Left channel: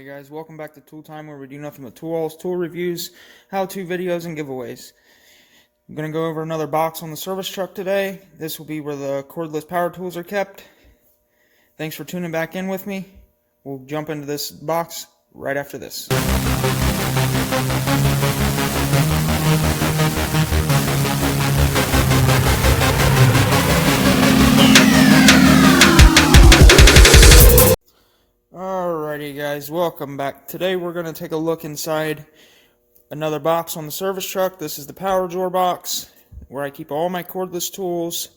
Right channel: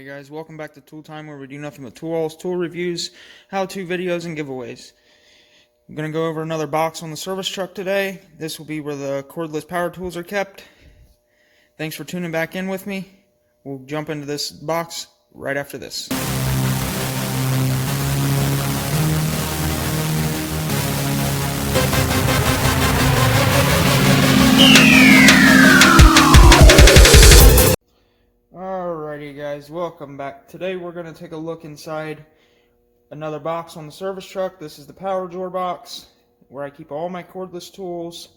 Alrighty guys, welcome back to Tool Time, where we do nothing but tools, tool reviews, how-to videos, and giveaways. I'm going to go over another box on the service truck today. This will be where the cordless power tools are kept. Thanks for tuning back in with me. We'll jump into this box right after this. Alrighty guys, welcome back. Today we're going to take a look inside another box on the service truck. This is the power drawer box where I keep all my cordless tools.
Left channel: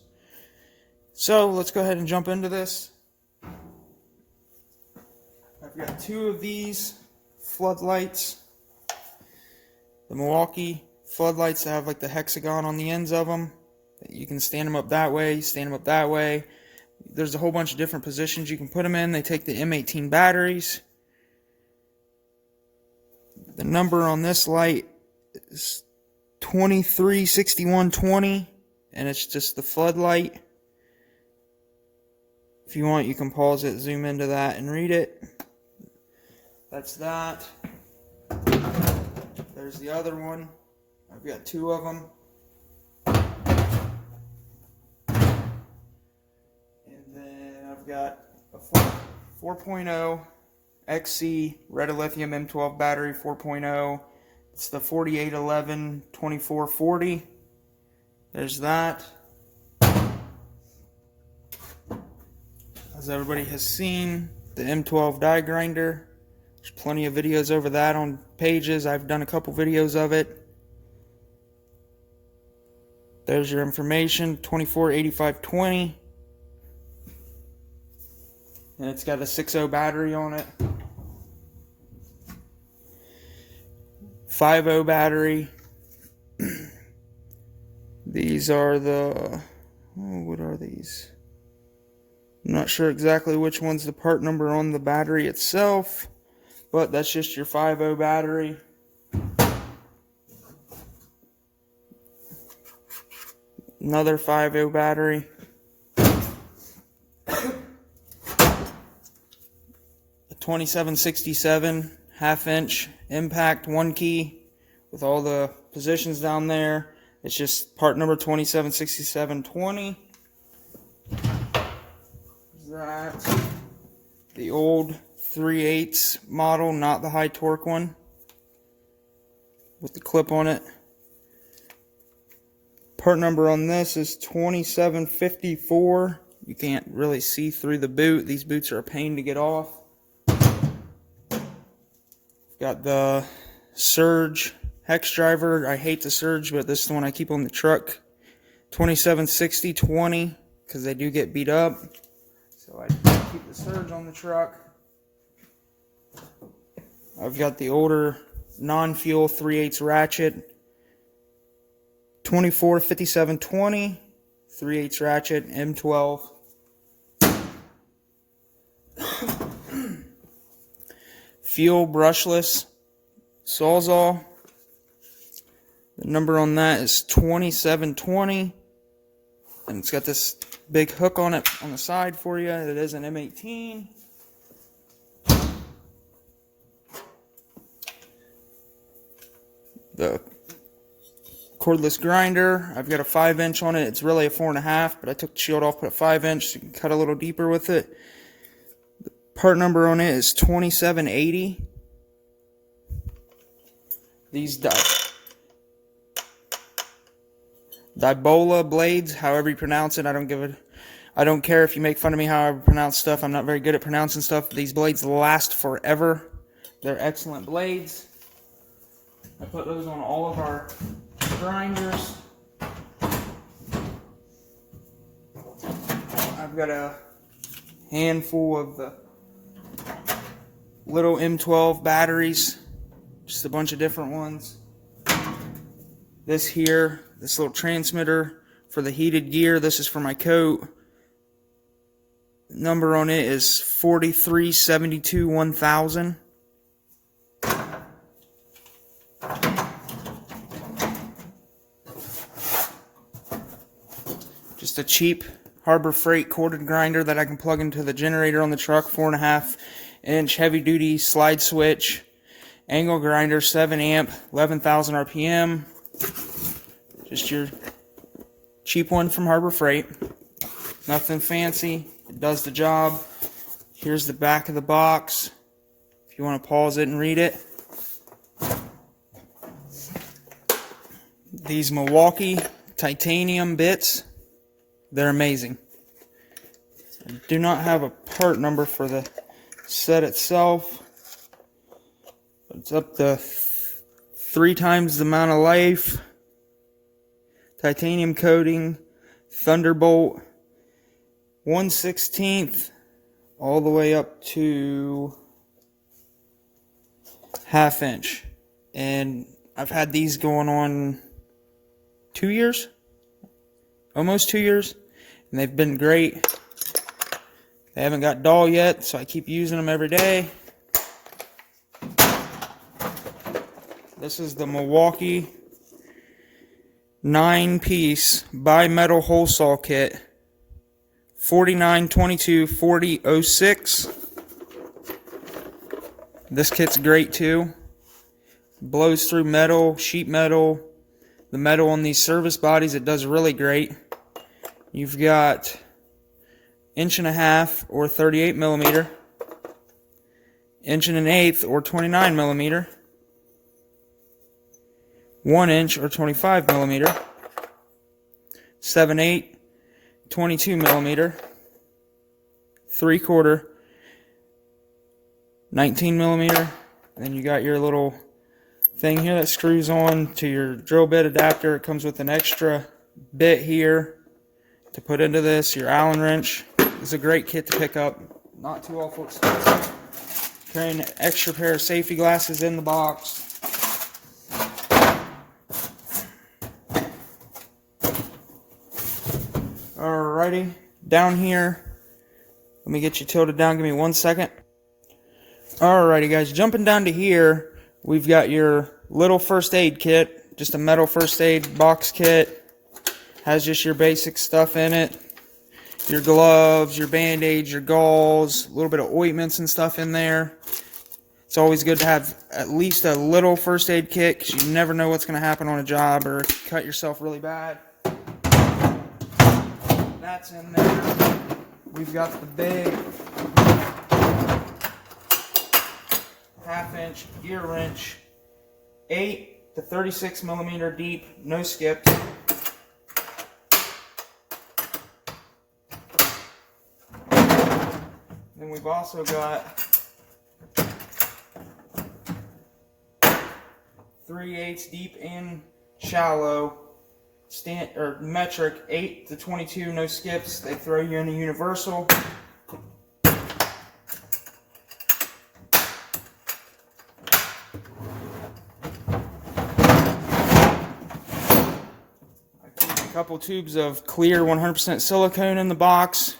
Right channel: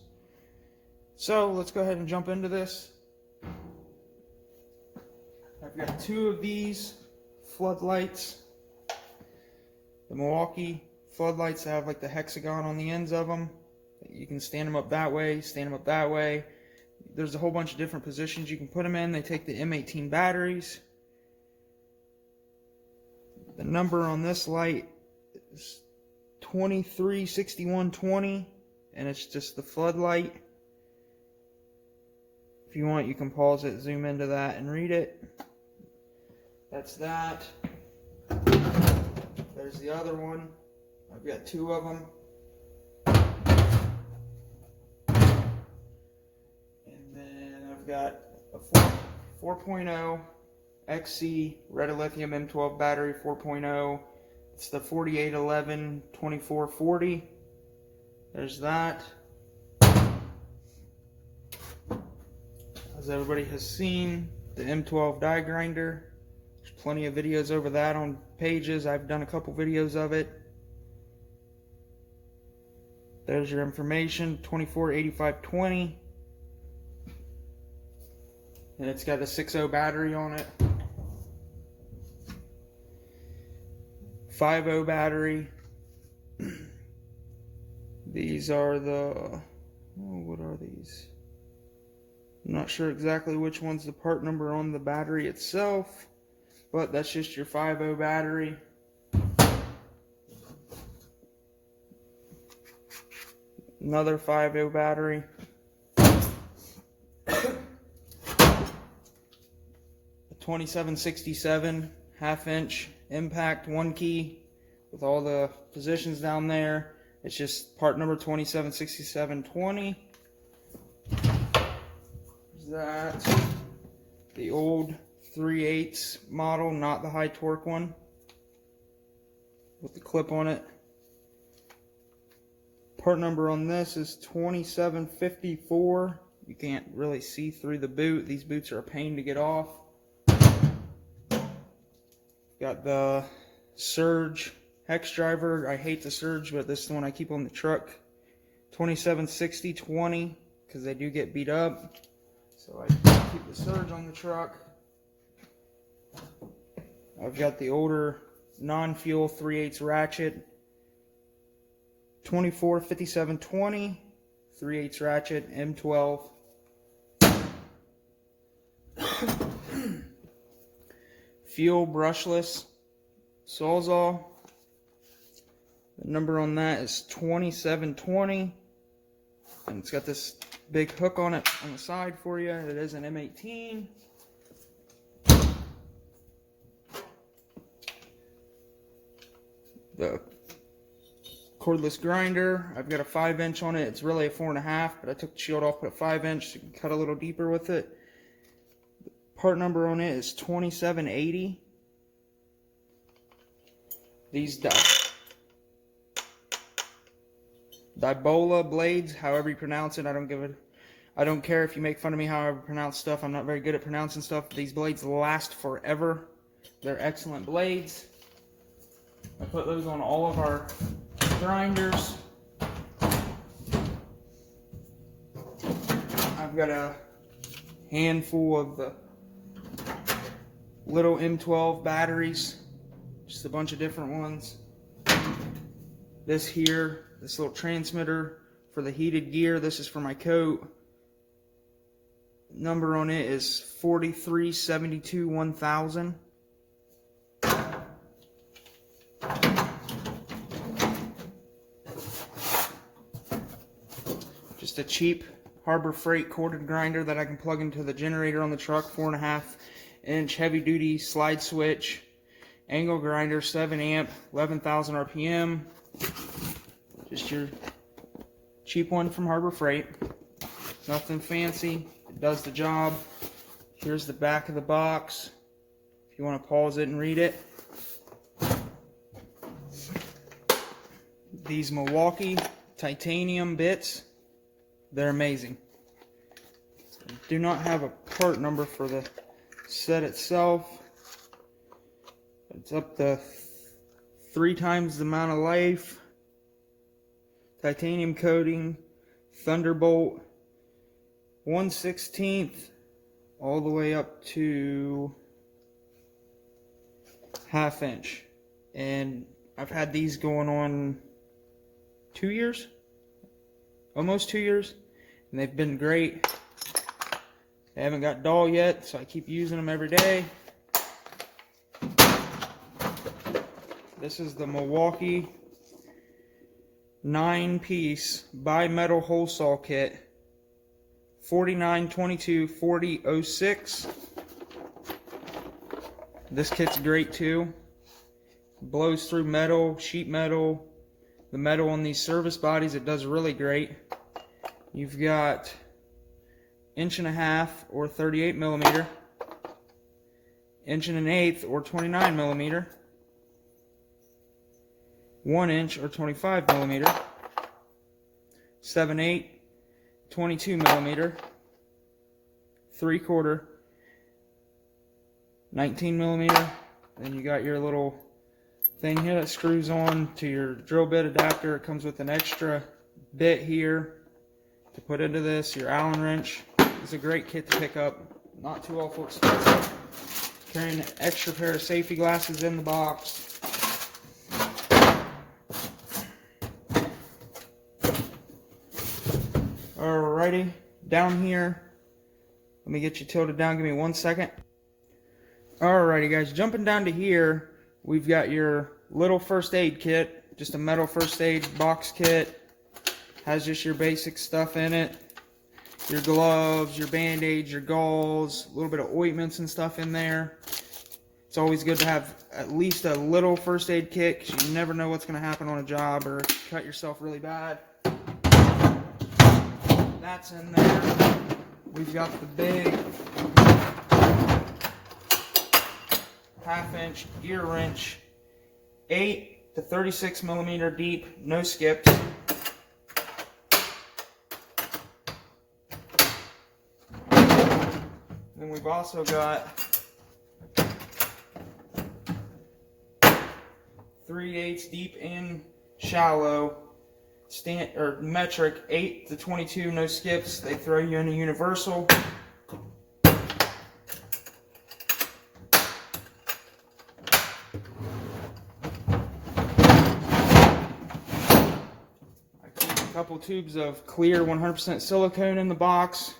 So let's go ahead and jump into this. I've got two of these floodlights, the MILWAUKEE floodlights that have like the hexagon on the ends of them. You can stand them up that way, stand them up that way. There's a whole bunch of different positions you can put them in. They take the M18 batteries. The number on this light is 236120, and it's just the floodlight. If you want, you can pause it, zoom into that, and read it. That's that. There's the other one. I've got two of them. I've got a 4.0 XC red lithium M12 battery 4.0. It's the 4811-2440. There's that. As everybody has seen, the M12 die grinder. There's plenty of videos over that on pages. I've done a couple videos of it. There's your information, 248520. And it's got a 6.0 battery on it. 5.0 battery. These are the... what are these? I'm not sure exactly which one's the part number on the battery itself, but that's just your 5.0 battery. Another 5.0 battery. 2767 half-inch impact 1 key with all the positions down there. It's just part number 276720. That the old 3/8 model, not the high torque one with the clip on it. Part number on this is 2754. You can't really see through the boot. These boots are a pain to get off. Got the Surge hex driver. I hate the Surge, but this is the one I keep on the truck. 2760-20, because they do get beat up. So I keep the Surge on the truck. I've got the older non-fuel 3/8 ratchet. 2457-20, 3/8 ratchet, M12. Fuel brushless Sawzall. The number on that is 2720, and it's got this big hook on it on the side for you. It is an M18. The cordless grinder, I've got a 5-inch on it. It's really a 4.5, but I took the shield off, put a 5-inch so you can cut a little deeper with it. Part number on it is 2780. These Dibola blades, however you pronounce it, I don't care if you make fun of me how I pronounce stuff. I'm not very good at pronouncing stuff. These blades last forever. They're excellent blades. I put those on all of our grinders. I've got a handful of the little M12 batteries, just a bunch of different ones. This here, this little transmitter for the heated gear, this is for my coat. Number on it is 4372-1000. Just a cheap Harbor Freight corded grinder that I can plug into the generator on the truck, 4.5 inch heavy duty slide switch, angle grinder, 7 amp, 11,000 RPM. Just your cheap one from Harbor Freight. Nothing fancy. It does the job. Here's the back of the box if you want to pause it and read it. These Milwaukee titanium bits, they're amazing. I do not have a part number for the set itself. It's up to 3 times the amount of life. Titanium coating, Thunderbolt, 1/16 all the way up to 1/2 inch. And I've had these going on 2 years, almost 2 years, and they've been great. They haven't got dull yet, so I keep using them every day. This is the Milwaukee 9-piece bi-metal hole saw kit, 49224006. This kit's great too. Blows through metal, sheet metal, the metal on these service bodies. It does really great. You've got 1.5" or 38 millimeter, 1 1/8" or 29 millimeter, 1 inch or 25 millimeter, 7/8, 22 millimeter, 3/4, 19 millimeter. Then you got your little thing here that screws on to your drill bit adapter. It comes with an extra bit here to put into this. Your Allen wrench. It's a great kit to pick up. Not too awful expensive. Carrying an extra pair of safety glasses in the box. Alrighty, down here. Let me get you tilted down. Give me 1 second. Alrighty, guys, jumping down to here, we've got your little first aid kit, just a metal first aid box kit. Has just your basic stuff in it. Your gloves, your band-aids, your gauze, a little bit of ointments and stuff in there. It's always good to have at least a little first aid kit because you never know what's going to happen on a job or cut yourself really bad. That's in there. We've got the big 1/2 inch gear wrench, 8 to 36 millimeter deep, no skips. Then we've also got 3/8 deep and shallow, metric 8 to 22, no skips. They throw you in a universal. Couple tubes of clear 100% silicone in the box.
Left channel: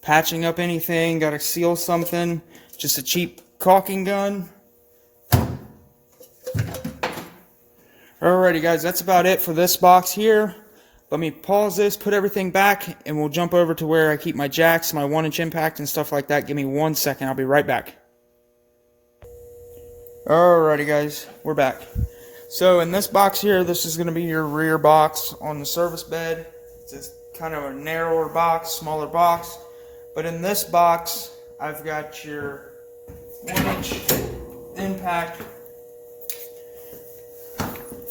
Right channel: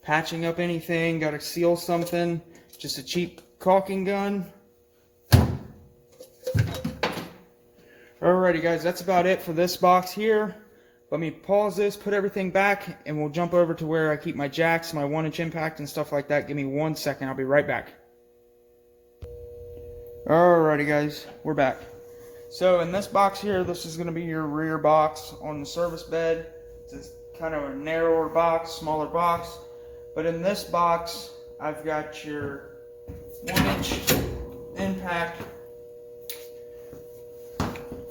Patching up anything, gotta seal something. Just a cheap caulking gun. Alrighty guys, that's about it for this box here. Let me pause this, put everything back, and we'll jump over to where I keep my jacks, my 1-inch impact and stuff like that. Give me 1 second, I'll be right back. Alrighty guys, we're back. So in this box here, this is going to be your rear box on the service bed. It's kind of a narrower box, smaller box. But in this box, I've got your 1-inch impact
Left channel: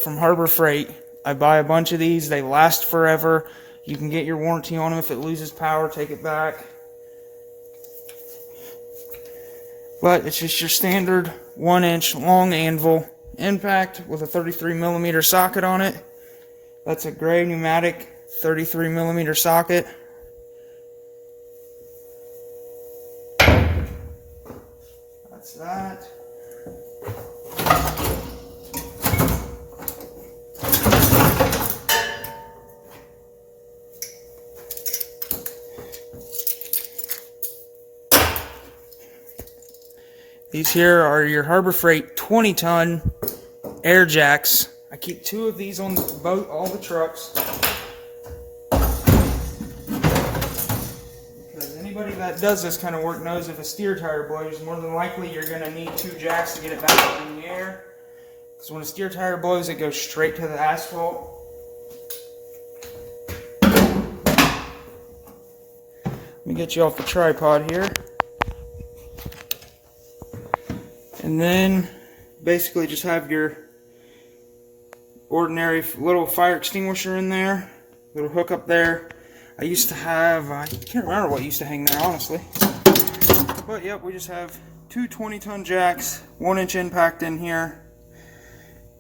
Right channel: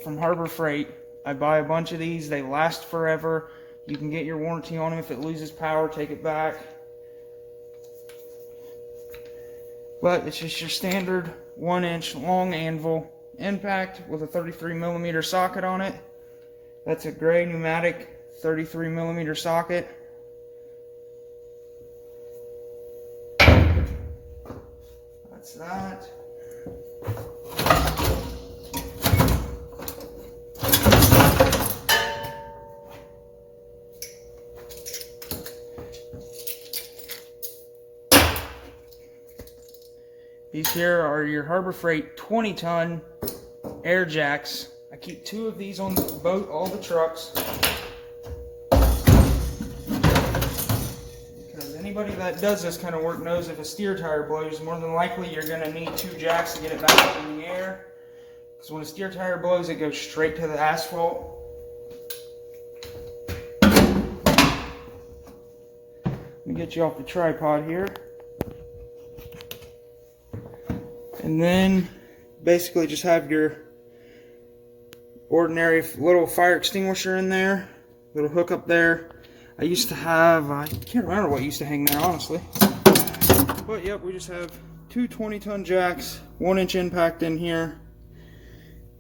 from Harbor Freight. I buy a bunch of these. They last forever. You can get your warranty on them. If it loses power, take it back. But it's just your standard 1-inch long anvil impact with a 33 millimeter socket on it. That's a gray pneumatic 33 millimeter socket. That's that. These here are your Harbor Freight 20-ton air jacks. I keep 2 of these on all the trucks. Because anybody that does this kind of work knows if a steer tire blows, more than likely you're going to need 2 jacks to get it back up in the air. Because when a steer tire blows, it goes straight to the asphalt. Let me get you off the tripod here. And then basically just have your ordinary little fire extinguisher in there, little hook up there. I used to have, I can't remember what used to hang there honestly, but yep, we just have 2 20-ton jacks, 1-inch impact in here,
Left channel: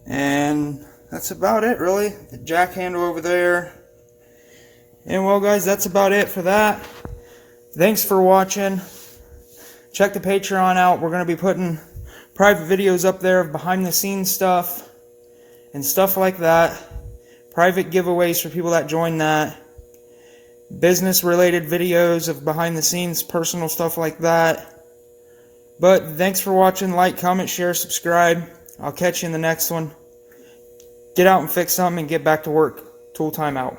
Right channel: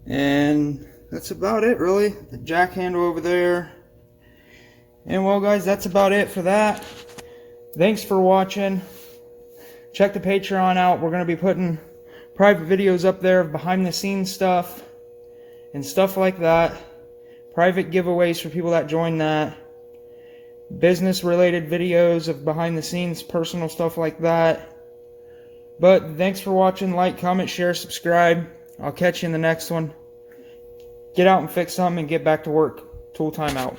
and that's about it really. The jack handle over there. And well guys, that's about it for that. Thanks for watching. Check the Patreon out. We're going to be putting private videos up there of behind the scenes stuff and stuff like that. Private giveaways for people that join that. Business related videos of behind the scenes, personal stuff like that. But thanks for watching. Like, comment, share, subscribe. I'll catch you in the next one. Get out and fix something and get back to work. Tool time out.